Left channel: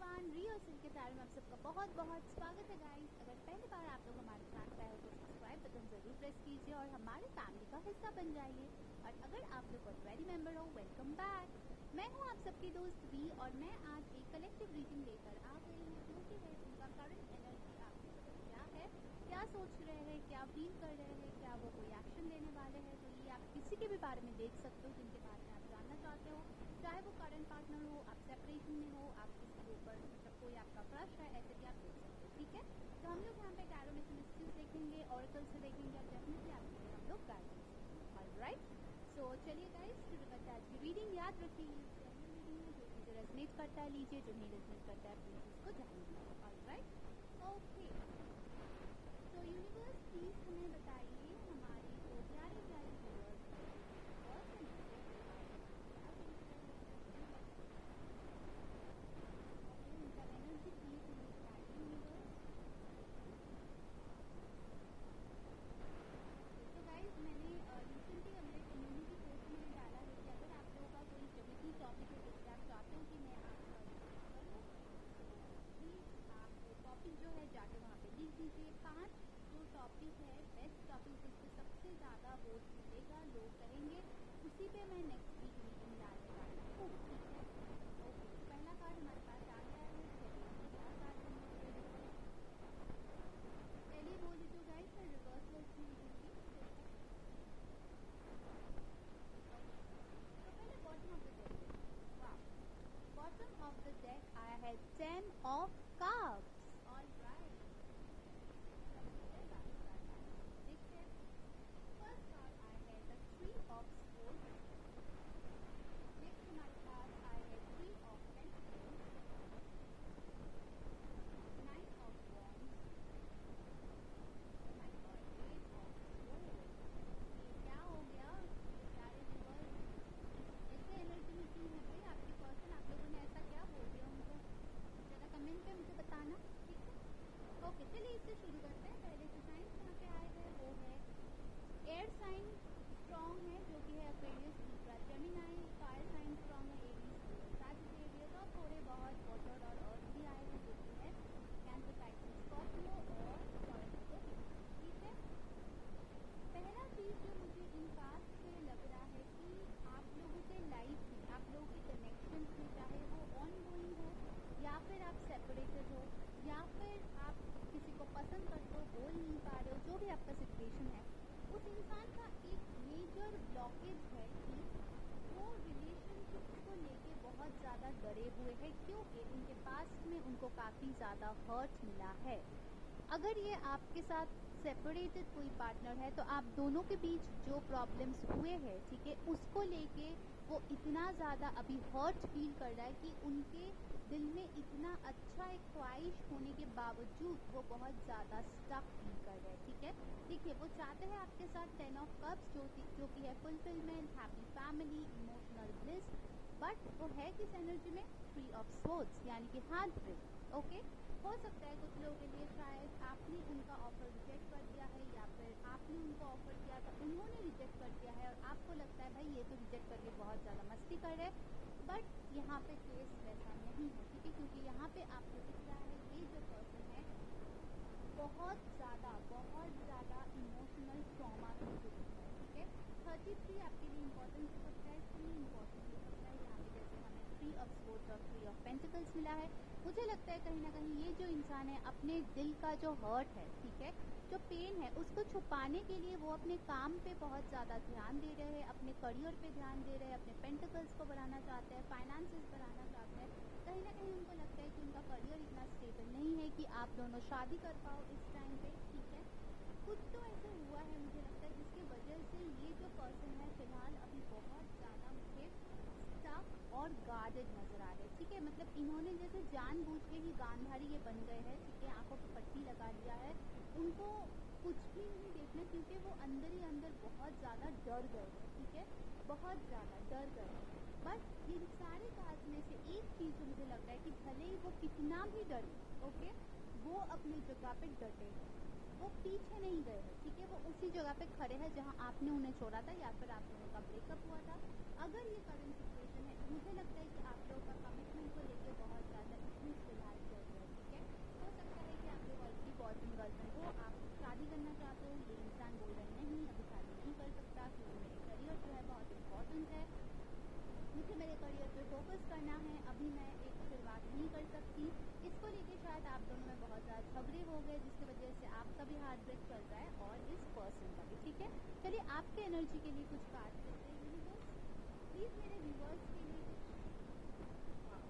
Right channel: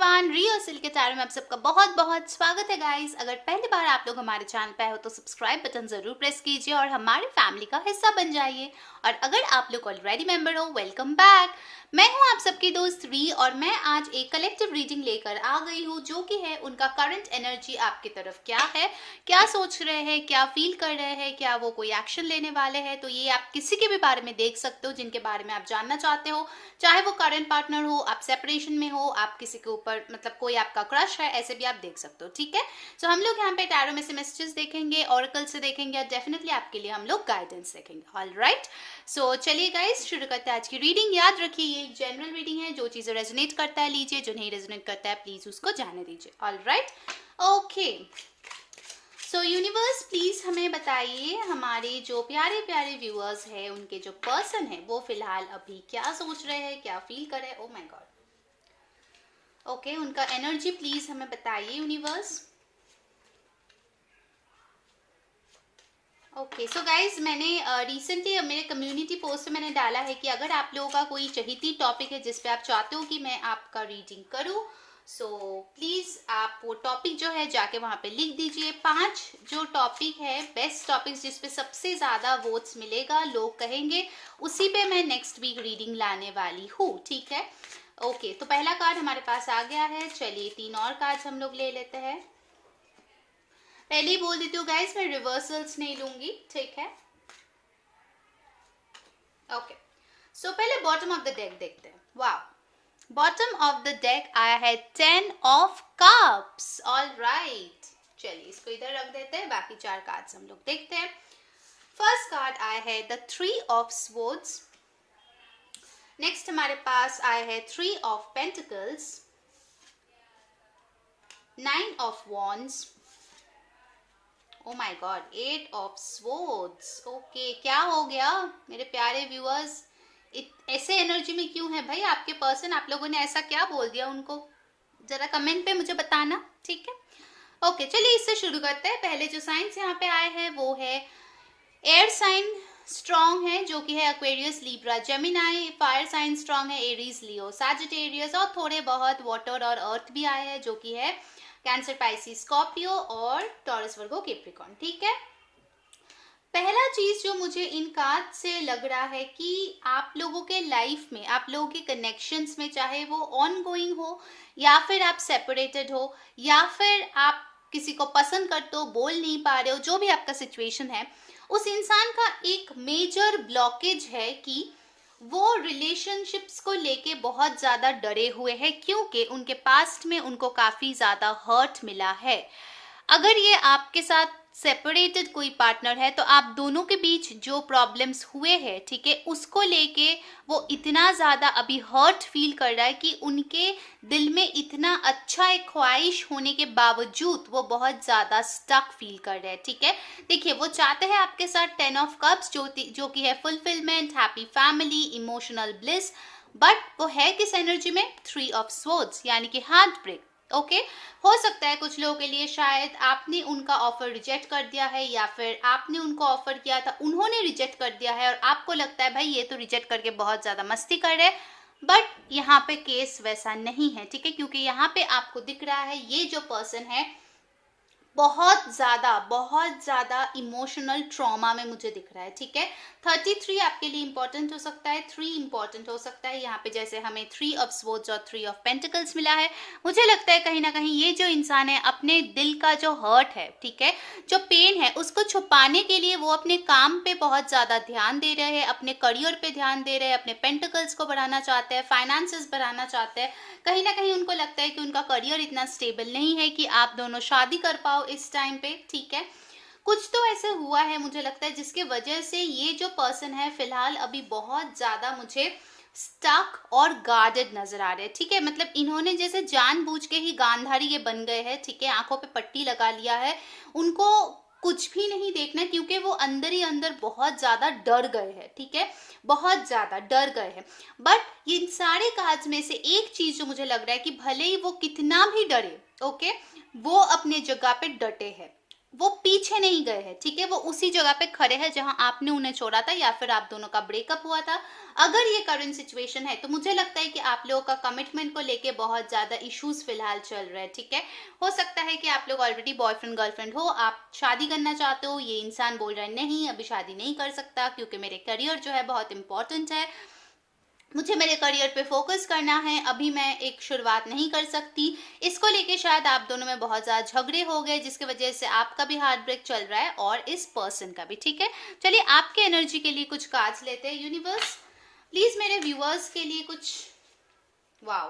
Everyone, रियो सिल के tarot में आप सबका बहुत बहुत स्वागत है गाइस। अगर पहली बार आप लोग हमारे चैनल पे आए हो तो सब्सक्राइब बटन जरूर प्रेस कीजिए और हमारे फैमिली का हिस्सा बन जाइए। और अगर आप लोग ऑलरेडी मेंबर हो, वेलकम बैक। मैं हूं आप सबकी दोस्त री और मैं आज एक कलेक्टिव रीडिंग लेकर आ गई हूं, जो कि है उनका करंट एनर्जी आपकी तरफ क्या है, क्या सोच रहे हैं, क्या फील कर रहे हैं, क्या वो कोई एक्शन लेने वाले हैं। तो ये आप किसी के भी बारे में देख सकते हो जिनके बारे में आप जानना चाहते हो, चाहे वो करंट पार्टनर हो, आप सेपरेशन में हो, आप किसी के ऊपर मतलब कोई आपका क्रश है, ऐसे भी आप देख सकते हो। ठीक है, तो हम लोग यहाँ पे टैरो में से मैसेजेस देखेंगे, ऑरेकल से देखेंगे और डेफिनेटली आपके लिए हम लोग गाइडेंस देखेंगे। ऑलराइट, सो चलिए गाइस शुरू करते हैं आज की रीडिंग। याद रखिए ये एक जनरल रीडिंग है, जो चीज़ें रेजोनेट करता है लीजिए, जो नहीं रेजोनेट करता है प्लीज उसको जाने दीजिए। Alright, okay. So universe please हमें बताइए, हमारे जो प्यारे प्यारे व्यूअर्स हैं उनके जो पर्सन है वो फिलहाल अभी क्या सोच रहे हैं, क्या फील कर रहे हैं। ओ माय गॉड, ओके, उनका एनर्जी प्लीज हमें बताइए यूनिवर्स। ओके, सो गाइज मैंने रिसेंटली मेरे कम्युनिटी पोस्ट में मैंने डाला है कि अगर आप लोगों का कोई चहीती टॉपिक है जिस पे आप चाहते हो कि मैं आपका रीडिंग करूं, सो प्लीज़ आप वो टॉपिक जो है जाके वहाँ पे लिख दीजिए। 5 जो टॉपिक है, बेस्ट टॉपिक्स जिस पे सबसे ज़्यादा वोट्स मिलेगा, लोग कहेंगे, उसी पे मैं नेक्स्ट वीक रीडिंग लाने वाली हूँ। ठीक है, ओके। तो पहला कार्ड हमारे पास आ गया है। चलिए 3 और कार्ड्स हम लोग ले लेते हैं। पहले ही बोल देती हूँ गाइस, मैं रिवर्सल्स नहीं लूंगी, ठीक है। ओके, सो पहले बॉटम ऑफ द डेक देखते हैं। वाह, बॉटम ऑफ द डेक आया है 10 ऑफ कप्स। ऑल राइट, चलिए इसको इधर रख देते हैं, बाकी 4 कार्ड्स हम लोग देखते हैं। फर्स्ट कार्ड आया है द 3 ऑफ स्वॉर्ड्स। नेक्स्ट हमारे पास आया है 3 of pentacles, 9 of wands, oh my God, 8 of swords. Okay, क्या हो गया मेरे प्यारे व्यूअर्स, ऐसे एनर्जी में क्यों है भाई आपके पर्सन? आप लोगों ने ऐसा क्या बोल दिया उनको, जरा कमेंट पे मुझे बताना, ठीक है। ओके, चलिए इससे शुरू करते हैं। पहले जो साइंस यहाँ पे आए हैं वो है एयर साइन स्ट्रॉन्ग है, जो कि है Aquarius, Libra, Gemini. Fire sign strong है, एरीज, लियो, सैजिटेरियस। और थोड़े बहुत वाटर और अर्थ भी आए हैं, जो कि है कैंसर, पाइसिस, स्कॉर्पियो और टॉरस, वर्गो, कैप्रिकॉर्न। ठीक है, पहला चीज जो मुझे इन कार्ड से लग रहा है कि आप लोगों के लाइफ में, आप लोगों के कनेक्शंस में, चाहे वो ऑन गोइंग हो या फिर आप सेपरेटेड हो या फिर आप किसी को पसंद करते हो, बोल नहीं पा रहे हो, जो भी आपका सिचुएशन है, उस इंसान का एक मेजर ब्लॉकेज है कि वो रिलेशनशिप्स को लेके बहुत ज़्यादा डरे हुए हैं, क्योंकि उनके पास्ट में उनको काफ़ी ज़्यादा हर्ट मिला है। अगर ये आपके साथ सेपरेटेड कोई पार्टनर है तो आप दोनों के बीच जो प्रॉब्लम्स हुए हैं, ठीक है, उसको लेके वो इतना ज़्यादा अभी हर्ट फील कर रहा है कि उनके दिल में इतना अच्छा एक ख्वाहिश होने के बावजूद वो बहुत ज़्यादा स्टक फील कर रहे हैं। ठीक है, देखिए वो चाहते हैं आपके साथ 10 ऑफ कप्स, जो कि है fulfilment, happy family, emotional bliss, but वो है किस एनर्जी में? 3 ऑफ स्वॉर्ड्स, यानी कि हार्ट ब्रेक। ओके, हो सकता है कुछ लोगों के लिए शायद आपने उनका ऑफर रिजेक्ट कर दिया है, या फिर आपने उनको ऑफर किया था, उन्होंने रिजेक्ट कर दिया है और आपको लगता है भाई ये तो रिजेक्ट करके बहुत ज़्यादा मस्ती कर रहे हैं। बट यहाँ पे केस वैसा नहीं है, ठीक है, क्योंकि यहाँ पे आपको दिख रहा है ये जो पर्सन है बहुत ज़्यादा इमोशनल ट्रॉमा में मुझे दिख रहा है। ठीक है, 33 आपके लिए इंपॉर्टेंट हो सकता है, 3 इंपॉर्टेंट हो सकता है। यहाँ पे जैसे हमें 3 ऑफ स्वॉर्ड्स और 3 ऑफ पेंटिकल्स मिला है, मुझे लगता है कहीं ना कहीं ये जो इंसान है अपने दिल का जो हर्ट है, ठीक है, जो पेन है, उसको छुपाने के लिए वो अपने काम पे बहुत ज़्यादा ध्यान दे रहे हैं, अपने करियर पे ध्यान दे रहे हैं, अपने पेंटिकल्स को बढ़ाना चाहते हैं, फाइनेंसेस बढ़ाना चाहते हैं। कहीं ना कहीं उनको लगता है कि उनका करियर इतना स्टेबल नहीं है कि आप दोनों शादी कर पाओ इस टाइम पे। ठीक है, कुछ तो ऐसे हुआ है मुझे लगता है जिसके वजह से ये जो पर्सन है फिलहाल अभी बहुत ज़्यादा मुझे स्टक और गार्डेड नजर आ रहे हैं। ठीक है, मतलब इन्होंने जैसे जानबूझ के ही गांधारी ये बन गए हैं, ठीक है, आंखों पे पट्टी लगा लिया है, उनको कुछ भी नहीं देखना, क्योंकि वो अंदर ही अंदर बहुत ज़्यादा डर गए हैं। ठीक है, बहुत ज़्यादा डर गए हैं। बट इन सारे कार्ड्स में से एक चीज़ जो मुझे लग रहा है कि भले ही वो कितना भी डरे, ओके, वो अपने जगह पे डटे हैं, वो पीछे नहीं गए हैं, ठीक है, वो उसी जगह पे खड़े हैं जहां आपने उन्हें छोड़ा था या फिर आप दोनों का ब्रेकअप हुआ था। अगर ये करंट सिचुएशन है तो मुझे लगता है कि आप लोगों का कमिटमेंट को लेके बहुत ज्यादा इश्यूज फिलहाल चल रहे हैं, ठीक है। हो सकता है कि आप लोग ऑलरेडी बॉयफ्रेंड गर्लफ्रेंड हो, आप शादी करना चाहते हो, ये इंसान बोल रहा है नहीं अभी शादी नहीं कर सकता क्योंकि मेरे करियर जो है बहुत इंपॉर्टेंट है, मुझे मेरे करियर पे फोकस करना है, अभी मैं एक शुरुआत नहीं कर सकती। इसको लेके शायद आप दोनों में बहुत ज़्यादा झगड़े हो गए जिसकी वजह से आपका भी हार्ट ब्रेक चल रहा है और इस पर्सन का भी, ठीक है। चलिए आपके एनर्जी के लिए कुछ कार्ड्स लेते हैं। यूनिवर्स प्लीज मेरे व्यूअर्स के लिए कुछ। वाओ,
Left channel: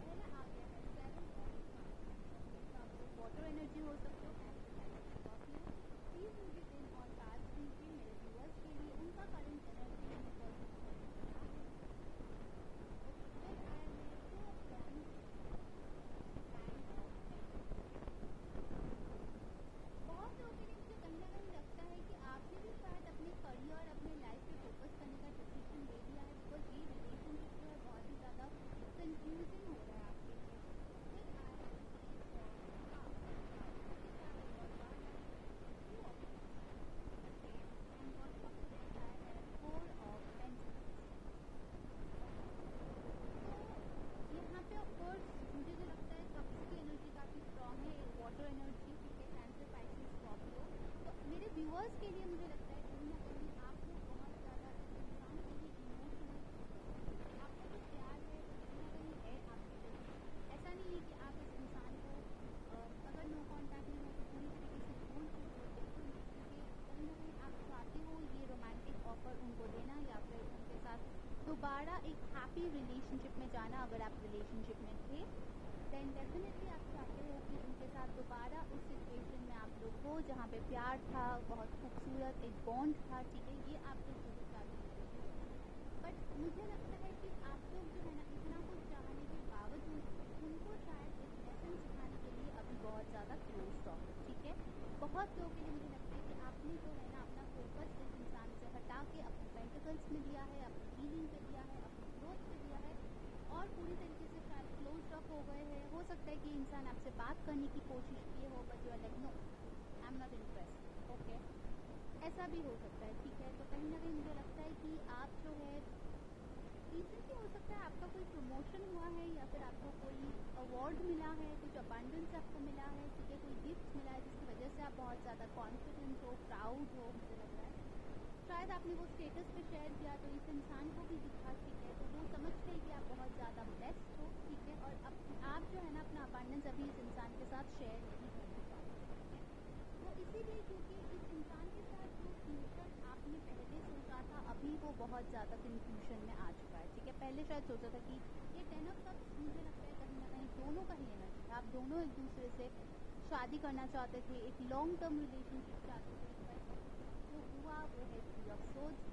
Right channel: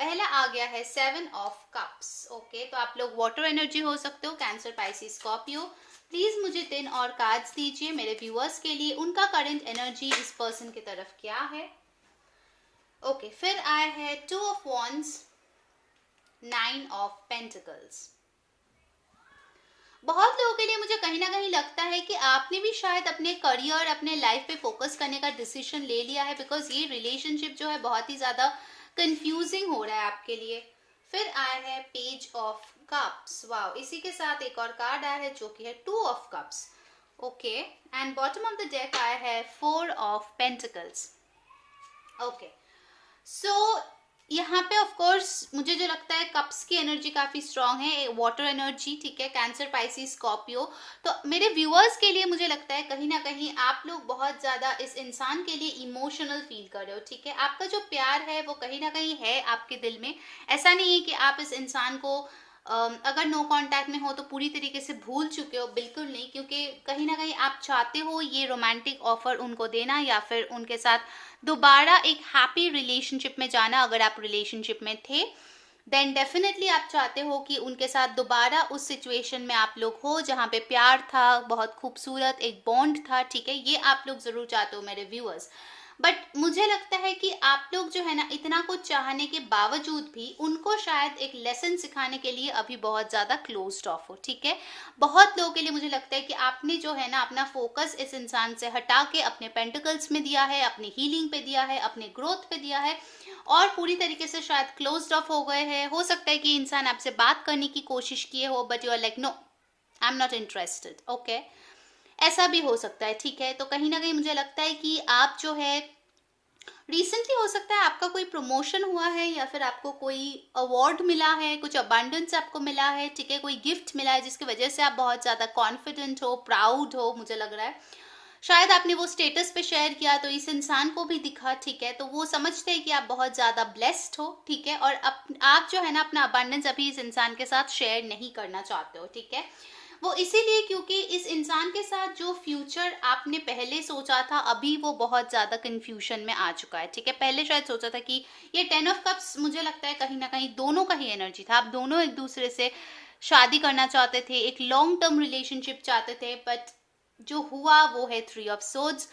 पहला आ गया है 7 ऑफ कप्स। ओके, तो आप लोग वाटर एनर्जी हो सकते हो, कैंसर, पाइसिस, स्कॉर्पियो। प्लीज मुझे 3 और कार्ड्स दीजिए मेरे व्यूअर्स के लिए, उनका करंट एनर्जी इस पर्सन की तरफ क्या है। ओके, फिर आए हैं 2 ऑफ वॉन्ड्स, 9 ऑफ पेंटिकल्स। बहुत लोगों के लिए मुझे कहीं ना कहीं लगता है कि आपने भी शायद अपने करियर, अपने लाइफ पे फोकस करने का डिसीजन ले लिया है, बिकॉज ये रिलेशनशिप जो है बहुत ही ज़्यादा कंफ्यूजिंग हो रहा है आपके लिए। फिर आया है पेज ऑफ कप्स। वाओ, इसी के साथ एक और कार्ड आया है जो कि है 2 of cups. Okay, and bottom of the deck आया है 4 ऑफ पेंटिकल्स। ओके, सो यहाँ पे ऑफ कोर्स मुझे जो लगता है कप्स की एनर्जी काफ़ी स्ट्रांग है, वाटर एनर्जी, ठीक है, कैंसर, पाइसिस, स्कॉर्पियो। तो मेरे व्यूअर्स के लिए मुझे लगता है कहीं ना कहीं आप लोग बहुत ज़्यादा इस इंसान के लिए इमोशनल फील कर रहे हो, ठीक है। आपका जो प्यार है वो कहीं ना कहीं है आपके दिल में। ऐसा नहीं है कि आप इस इंसान को अगर नो कांटेक्ट में हो तो पूरी तरीके से भूल चुके हो, बिल्कुल नहीं, क्योंकि कहीं ना कहीं आप चाहते हो ये रोमांटिक ऑफर उनको देना या फिर उनके साथ दोबारा एक हैप्पी रिलेशनशिप में जाना। अगर आप रिलेशनशिप में थे देन डेफिनेटली आप चाहते हो कि उनके साथ दोबारा उस सिचुएशन में आप लोग हो जहाँ पे प्यार था, बहुत खूबसूरत एक बॉन्ड था, ठीक है, ये आप लोग ज़रूर चाहते हो मेरे व्यूअर्स। बट मुझे लगता है कि आप लोग जो है ना इतना कुछ चाहने के बावजूद भी उनको शायद एक लेसन सिखाने के लिए अभी बहुत ज़्यादा क्लोज्ड ऑफ हो, ठीक है। बहुत लोगों के लिए मुझे लगता है कि आपने जो है ना अपना फोकस इस इंसान से हटा के अपने पेंटिकल्स में दिया है, अपनी हीलिंग पे दिया है, अपने ग्रोथ पे दिया है और पूरी तरीके से शायद क्लोज्ड ऑफ हो गए हैं। हो सकता है कि इंसान आपसे बात करने की कोशिश किए हो but you are like no, I am not interested. Okay, ऐसा भी हो सकता है, ठीक है। तो कहीं ना कहीं मुझे लगता है कि आप जो है रिसेंटली हो सकता है आपका कोई प्रमोशन हुआ है या फिर आपको कोई अवार्ड मिला है, कुछ अबांडेंस आपको मिला है, ठीक है, कोई गिफ्ट मिला है जिसकी वजह से आप बहुत ज़्यादा कॉन्फिडेंट हो, प्राउड हो, मुझे लग रहा है। शायद आपने वो स्टेटस पे शेयर किया तो इस इंसान को भी दिखा, ठीक है, तो वो समझते हैं कि आप बहुत ज़्यादा ब्लेस्ड हो, ठीक है, और आप जो है ना अपना अबांडेंस अभी इस इंसान के साथ शेयर नहीं करना चाहते हो, ठीक है। वो इसीलिए क्योंकि इस इंसान के साथ जो फ्यूचर आपने पहले सोचा था अभी वो बहुत ज़्यादा कंफ्यूजन में आ चुका है, ठीक है। पहले शायद सोचा था कि ये 10 ऑफ कप्स, मुझे लगता है कहीं ना कहीं दोनों का ही एनर्जी था, आप दोनों एक दूसरे से शादी करना चाहते थे, एक लॉन्ग टर्म रिलेशनशिप चाहते थे, बट जो हुआ वो है 3 ऑफ सोर्ड्स,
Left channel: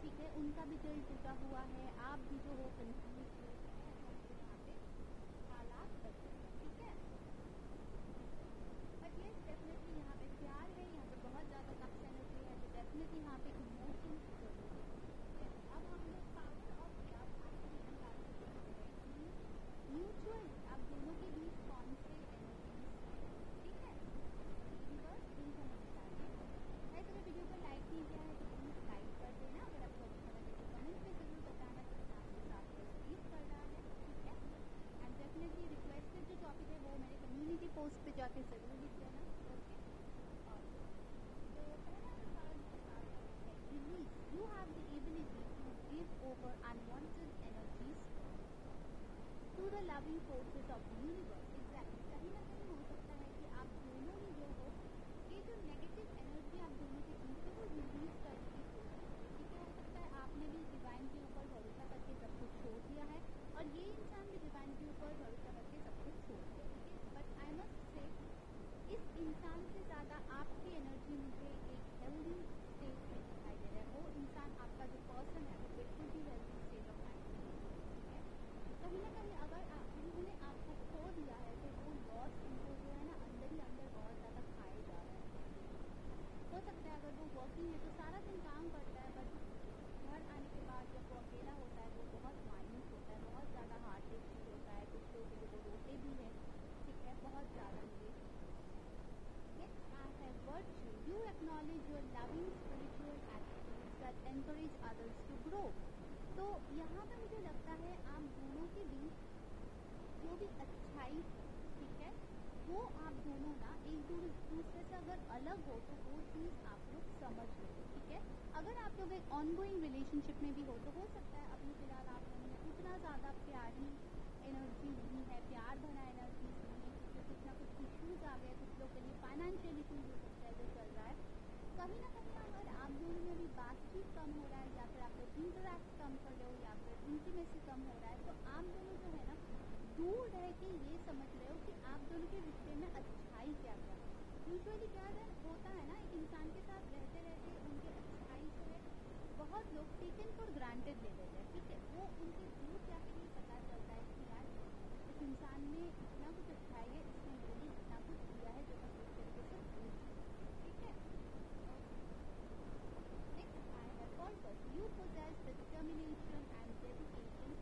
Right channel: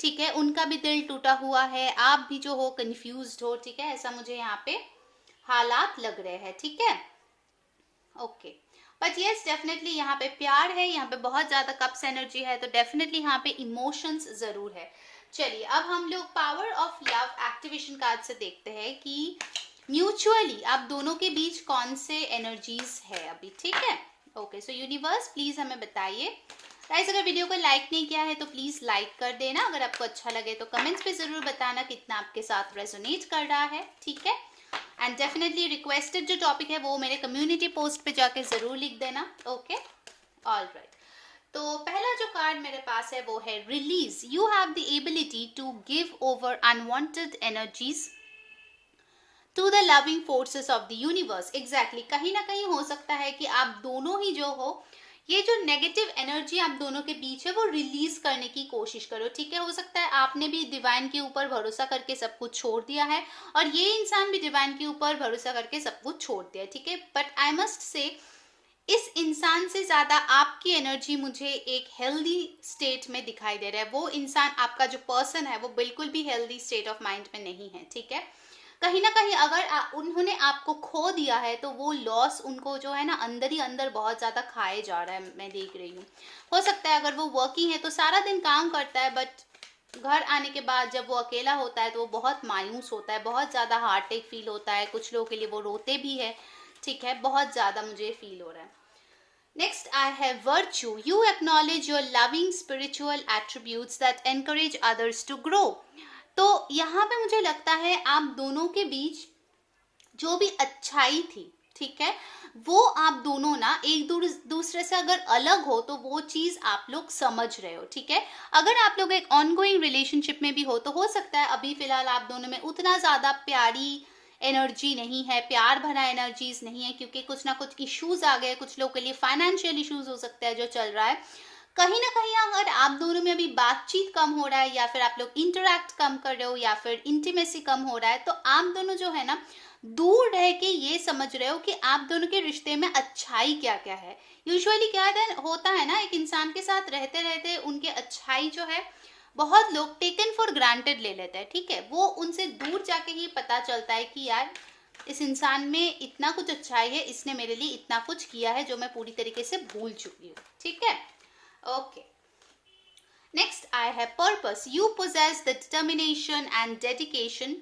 ठीक है। उनका भी दिल टूटा हुआ है, आप भी जो हो कंफ्यूज्ड हो, ठीक है, ऐसा मुझे यहाँ पे हालात लग रहे हैं, ठीक है। ओके, बट यस डेफिनेटली यहाँ पे प्यार है, यहाँ पे बहुत ज़्यादा कप्स एनर्जी है, तो डेफिनेटली यहाँ पे इमोशंस ज़रूर है। चलिए अब हम लोग power of love activation card से देखते हैं कि म्यूचुअली आप दोनों के बीच कौन से एनर्जीज है अभी, ठीक है। ओके, सो यूनिवर्स प्लीज़ हमें बताइए। गाइस अगर वीडियो को लाइक नहीं किया है तो प्लीज़ लाइक कर देना, अगर आपको अच्छा लगे तो कमेंट्स पे ज़रूर बताना कितना आपके साथ रेजोनेट कर रहा है, ठीक है। एंड डेफिनेटली रिक्वेस्टेड जो टॉपिक है वो मेरे कम्युनिटी पोस्ट पे जाके ज़रूर लिख देना। Okay, all right. तो पहला जो कार्ड मेरे पास है वो है release. You have the ability to give over unwanted energies to the loving forces of the universe. Exactly, कहीं ना कहीं हो सकता है कि आप दोनों ही जो हो ये जो नेगेटिव एनर्जी आप दोनों के बीच है वो रिलीज करने की कोशिश करो, ठीक है। हो सकता है आपने भी डिवाइन के ऊपर भरोसा करके सब कुछ छोड़ दिया है और ये इंसान भी डिवाइन के ऊपर भरोसा करके सब कुछ छोड़ दिया है, ठीक है। बट आई मस्ट से इस इंसान से ज़्यादा आपकी एनर्जी मुझे एक हेल्दी स्टेट में दिखाई दे रहा है। वो इंसान, आपका जो पर्सन है वो बिल्कुल भी हेल्दी स्टेट ऑफ माइंड में नहीं है, ठीक है। कहीं ना कहीं अगर उन्होंने आपको खो दिया है तो वो लॉस उनको जो है ना अंदर ही अंदर बहुत ज़्यादा खाए जा रहा है, मैं देख रही हूँ। हो सकता है अगर वो वर्किंग है तो सारा दिन काम करता है बट घर आने के बाद जब वो अकेला होता है तो वो बहुत मायूस होता है, बहुत ज़्यादा हार्ट अटैक फील होता है, कुछ लोगों के लिए वो रोते भी है, ठीक है, बहुत ज़्यादा मुझे फील हो रहा है। Next, I have virtue. You acknowledge your loving spiritual attributes that encourage others to grow. तो यहाँ पे मुझे लगता है आप दोनों के बीच जो भी अच्छाई थी, ठीक है, वो आप दोनों ना एक दूसरे से अगर अलग हो तो वो चीज आप लोग समझ रहे हो, ठीक है। अगर आप लोग एक ऑनगोइंग रिलेशनशिप में भी हो तो हो सकता है अभी फिलहाल आप दोनों में उतना ज्यादा प्यारी एनर्जी नहीं है, प्यार भरा एनर्जीज नहीं है, क्योंकि कुछ ना कुछ इश्यूज आ गए, कुछ लोग के लिए फाइनेंशियल इश्यूज हो सकता है जो चल रहा है। कहीं ना कहीं अगर आप दोनों में अभी बातचीत कम हो रहा है या फिर आप लोग इंटरेक्ट कम कर रहे हो या फिर इंटीमेसी कम हो रहा है, तो आप दोनों जो है ना दूर रह के ये समझ रहे हो कि आप दोनों के रिश्ते में अच्छाई क्या क्या है। यूजुअली क्या होता है ना, एक इंसान के साथ रहते रहते उनके अच्छाई जो है बहुत लोग टेकन फॉर ग्रांटेड ले लेते हैं, ठीक है। वो उनसे दूर जाके ही पता चलता है कि यार इस इंसान में इतना कुछ अच्छाई है, इसने मेरे लिए इतना कुछ किया है जो मैं पूरी तरीके से भूल चुकी हूँ, ठीक है। Okay, next I have purpose. You possess the determination and dedication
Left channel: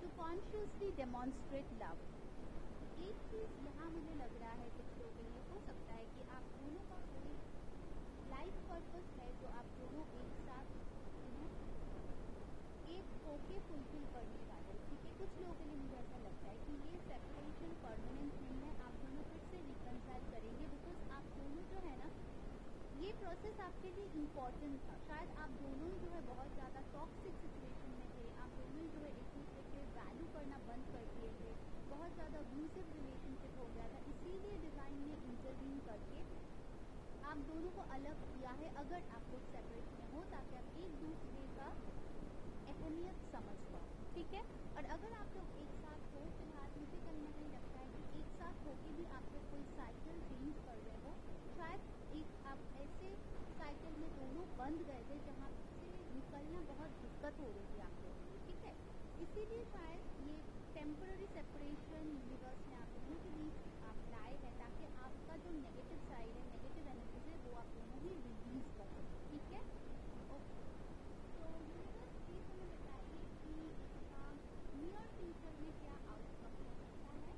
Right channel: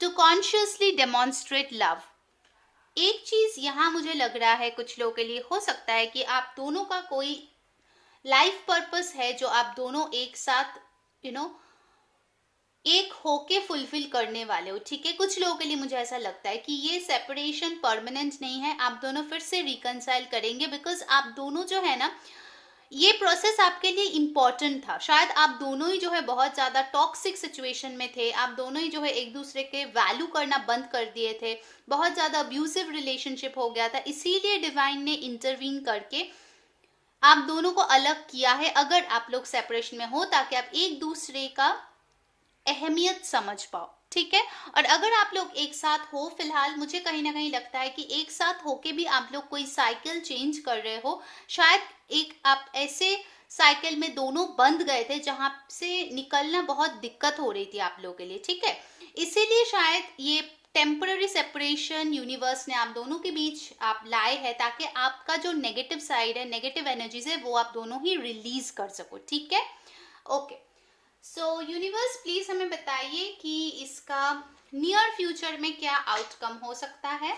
to consciously demonstrate love. एक चीज यहाँ मुझे लग रहा है कुछ लोगों के लिए हो सकता है कि आप दोनों का कोई लाइफ पर्पस है जो आप दोनों एक साथ एक होके फुलफिल करने वाले हो, ठीक है। कुछ लोगों के लिए मुझे ऐसा लगता है कि ये सेपरेशन परमानेंट नहीं है, आप दोनों फिर से रिकनसाइल करेंगे, बिकॉज आप दोनों जो है ना ये प्रोसेस आपके लिए इम्पॉर्टेंट था। शायद आप दोनों ही जो है बहुत ज़्यादा टॉक्सिक सिचुएशन में थे, आप दोनों ही जो है एक दूसरे के वैल्यू करना बंद कर दिए थे, बहुत ज़्यादा अब्यूसिव रिलेशनशिप हो गया था, इसीलिए डिवाइन ने इंटरवीन करके आप दोनों को अलग किया है, अगर आप लोग सेपरेशन में हो, ताकि आप एक दूसरे का अहमियत समझ पाओ, ठीक है। और अगर आप लोग एक साथ हो फिलहाल, मुझे कहीं ना कहीं लगता है कि एक साथ होके भी आप लोग कोई साइकिल चेंज कर रहे हो, शायद एक आप ऐसे साइकिल में दोनों बंद गए थे जहां से निकलना बहुत दिक्कत हो रही थी आप लोगों के लिए, ठीक है। इसीलिए शायद ये टेम्पररी सेपरेशन यूनिवर्स ने आप दोनों के बीच आप लाए हैं, ताकि आपका जो नेगेटिव साइड है, नेगेटिव एनर्जीज है, वो आप दोनों ही रिलीज कर सको, ठीक है। ओके, सो यूनिवर्स प्लीज हमें बताइए कि इसका नियर फ्यूचर में क्या आउटकम हो सकता है।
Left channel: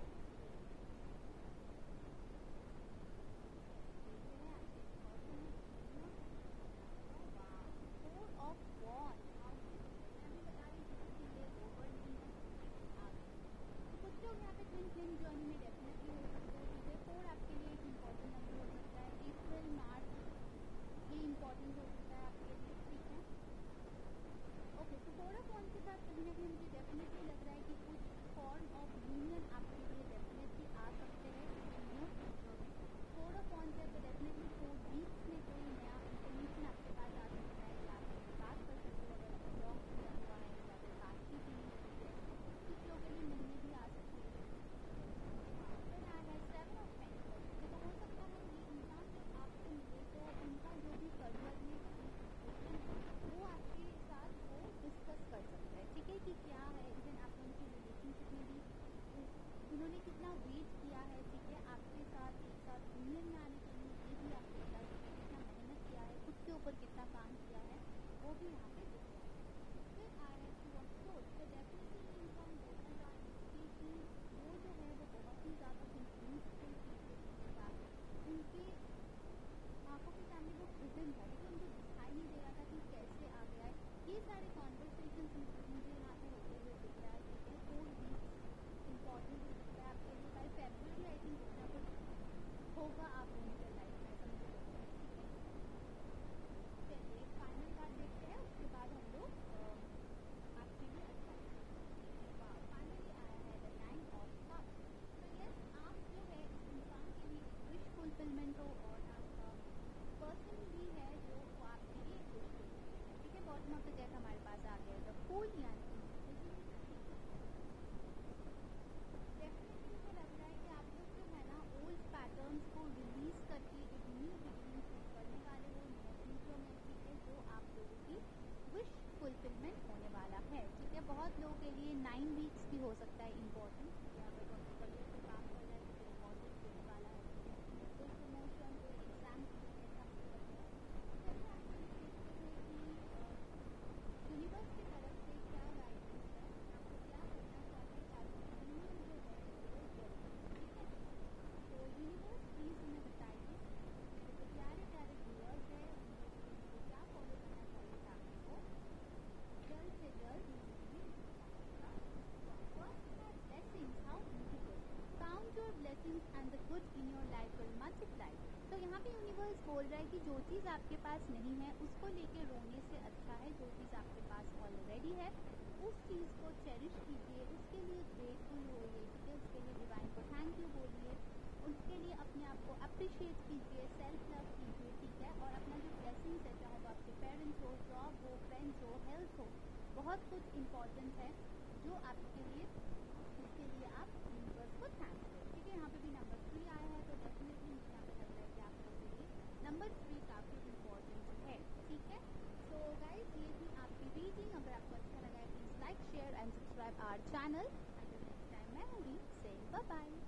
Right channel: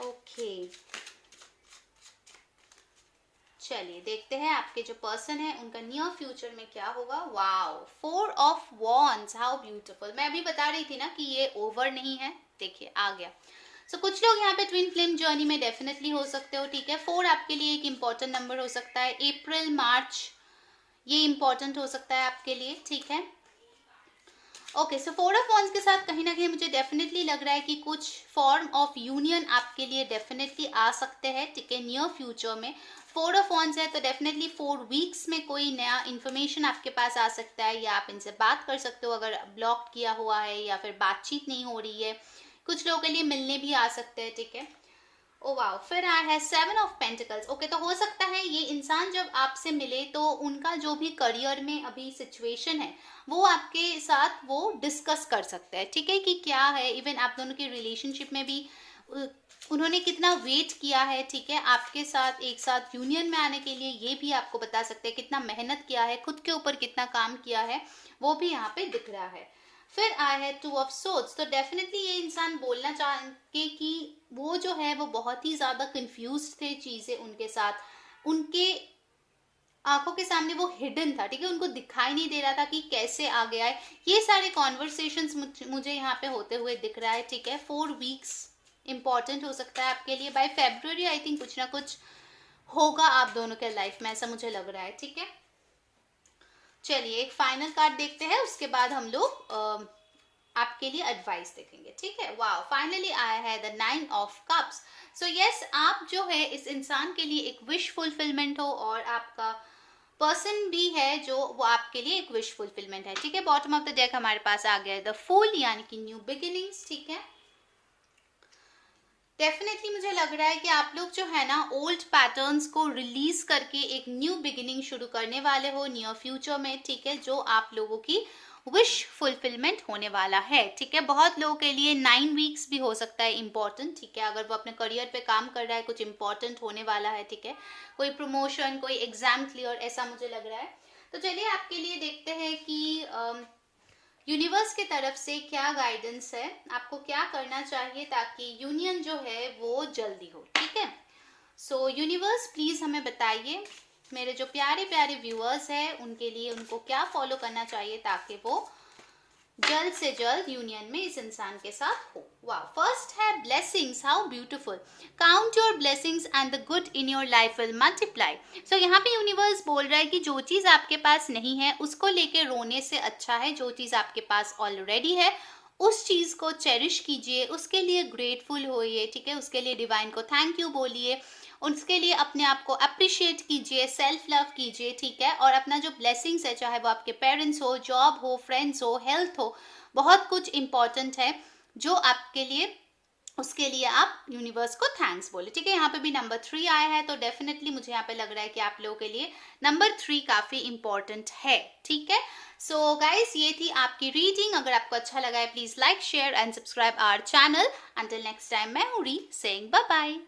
ओके, चलिए देखते हैं आपके जो पर्सन है उनका नियर फ्यूचर में क्या होगा। Wow, 4 of wands, how beautiful. मैं अभी बता रही थी ना कि ये ओवर नहीं है, देखिए आ गया। सो कुछ लोग यहाँ पे ट्विन फ्लेम जर्नी में डेफिनेटली हो सकते हो, ठीक है। 4 आपके लिए एक इंपॉर्टेंट नंबर हो सकता है, अप्रैल मार्च ये इंपॉर्टेंट हो सकता है आपके लिए, ठीक है। ओके, सो 4 ऑफ वॉन्ड्स के साथ कहीं ना कहीं मुझे डेफिनेटली लग रहा है कि कुछ फॉर्म ऑफ यूनियन आपके लिए डेफिनेटली आ सकते हैं, ठीक है, नियर फ्यूचर में। 4 ऑफ वॉन्ड्स है तो डेफिनेटली 4 वीक्स में कोई नया इन्फॉर्मेशन आपके पास आ सकता है, या आप इनसे बात कर सकते हो अगर ब्लॉक किया हुआ है या फिर बातचीत नहीं हो रही है। कुछ लोगों के लिए मिलने भी आ सकते हैं, ठीक है। ओ वाओ, फिर आया है 7 ऑफ पेंटिकल्स। ओके, तो हो सकता है ये इंसान जब आपसे मिले तो उनका जो भी करियर में अभी सिचुएशन है वो आपके साथ वो डिस्कस कर सकते हैं, ठीक है, कि क्या है। इवन आप दोनों की रिलेशनशिप में भी उन्होंने कितना वेट किया है, ठीक है, आपके साथ एक साथ यूनियन में आने के लिए, ये भी आपको बता सकते हैं कितना मेहनत किया है, खुद के ऊपर कितना काम किया है, वो भी यहाँ पे दिख रहा है। फिर आया है 2 ऑफ सोर्ड्स, तो डेफिनेटली ये इंसान बोलना चाहेंगे कि वो जो है वो बहुत ही ज़्यादा कंफ्यूज थे चीज़ें उनके साथ, उनके आंखों के सामने वो हिडन था, ठीक है, उनको दिखाई नहीं दे रहा था कि कैसे आ गया है। ये सारे कॉन्वर्सेशंस मुझे यहाँ पे होते हुए दिख रहा है, ठीक है। 4 वीक्स इंपॉर्टेंट हो सकता है आपके लिए, बाय फेब्रुअरी आई थिंक कुछ ना कुछ होगा आप दोनों के लाइफ में, ऐसा मुझे लग रहा है, ठीक है। चलिए एक फाइनल कार्ड देखते हैं, उसके बाद हम लोग आपके लिए एडवाइस देखेंगे, ठीक है। वाओ, फाइनली आया है the 9 of cups. So yes, आप जो है इस इंसान के लिए एक विश फुलफिलमेंट हो, और आपका पर्सन भी है जो वो आपके लिए एक विश फुलफिलमेंट है, ठीक है। बॉटम ऑफ द डेक हमारे पास आ गया है द फूल, यानी कि न्यू बिगिनिंग्स, ठीक है। डेफिनेटली मुझे लग रहा है कि आप लोग जो है ना ओल्ड पैटर्न्स को रिलीज करके एक न्यू बिगिनिंग शुरू करने वाले हो नियर फ्यूचर में, ठीक है, जो आप लोगों की विश फुलफिलमेंट होने वाला है, ठीक है। बहुत लोगों के लिए 9 वीक्स भी हो सकता है इंपॉर्टेंट, ठीक है, अगर वो अपने करियर पे काम कर रहा है, कुछ इंपॉर्टेंट होने वाला है, ठीक है, कोई प्रमोशन, कोई एग्जाम क्लियर, ऐसा मुझे लग रहा है। तो चलिए आपके लिए देखते हैं कि यूनिवर्स की तरफ से क्या गाइडेंस है, आपको क्या करना चाहिए ताकि यूनियन जो है वो जल्दी हो, ठीक है। सो यूनिवर्स प्लीज हमें बताइए, मेरे जो प्यारे प्यारे व्यूअर्स हैं उनके लिए उनको क्या फॉलो करना चाहिए ताकि वो जल्द से जल्द यूनियन में इस इंसान के साथ हो। वाह, फर्स्ट है blessings, how beautiful. Count your blessings and the good in your life will multiply. So यहाँ पे यूनिवर्स बोल रहा है कि जो चीज़ आपके पास नहीं है उसको लेके रोने से अच्छा है जो चीज़ आपके पास ऑलरेडी है उस चीज़ को चेरिश कीजिए, उसके लिए ग्रेटफुल होइए, ठीक है, उसके लिए डिवाइन को थैंक यू बोलिए, उसके लिए अपने आप को अप्रिशिएट कीजिए, सेल्फ लव कीजिए, ठीक है। और अपना जो ब्लेसिंग्स है, चाहे वो आपके पेरेंट्स हो, जॉब हो, फ्रेंड्स हो, हेल्थ हो, बहुत कुछ इंपॉर्टेंट है जो आपके लिए, उसके लिए आप यूनिवर्स को थैंक्स बोले, ठीक है। यहाँ पे भी नंबर 3 आया है तो डेफिनेटली मुझे यहाँ पे लग रहा है कि आप लोगों के लिए नंबर 3 काफ़ी इंपॉर्टेंट है, ठीक है। सो गाइस, ये थी आपकी रीडिंग। अगर आपको अच्छा लगा है please like, share and subscribe our channel. Until next time, मैं हूँ री सेइंग बाय बाय।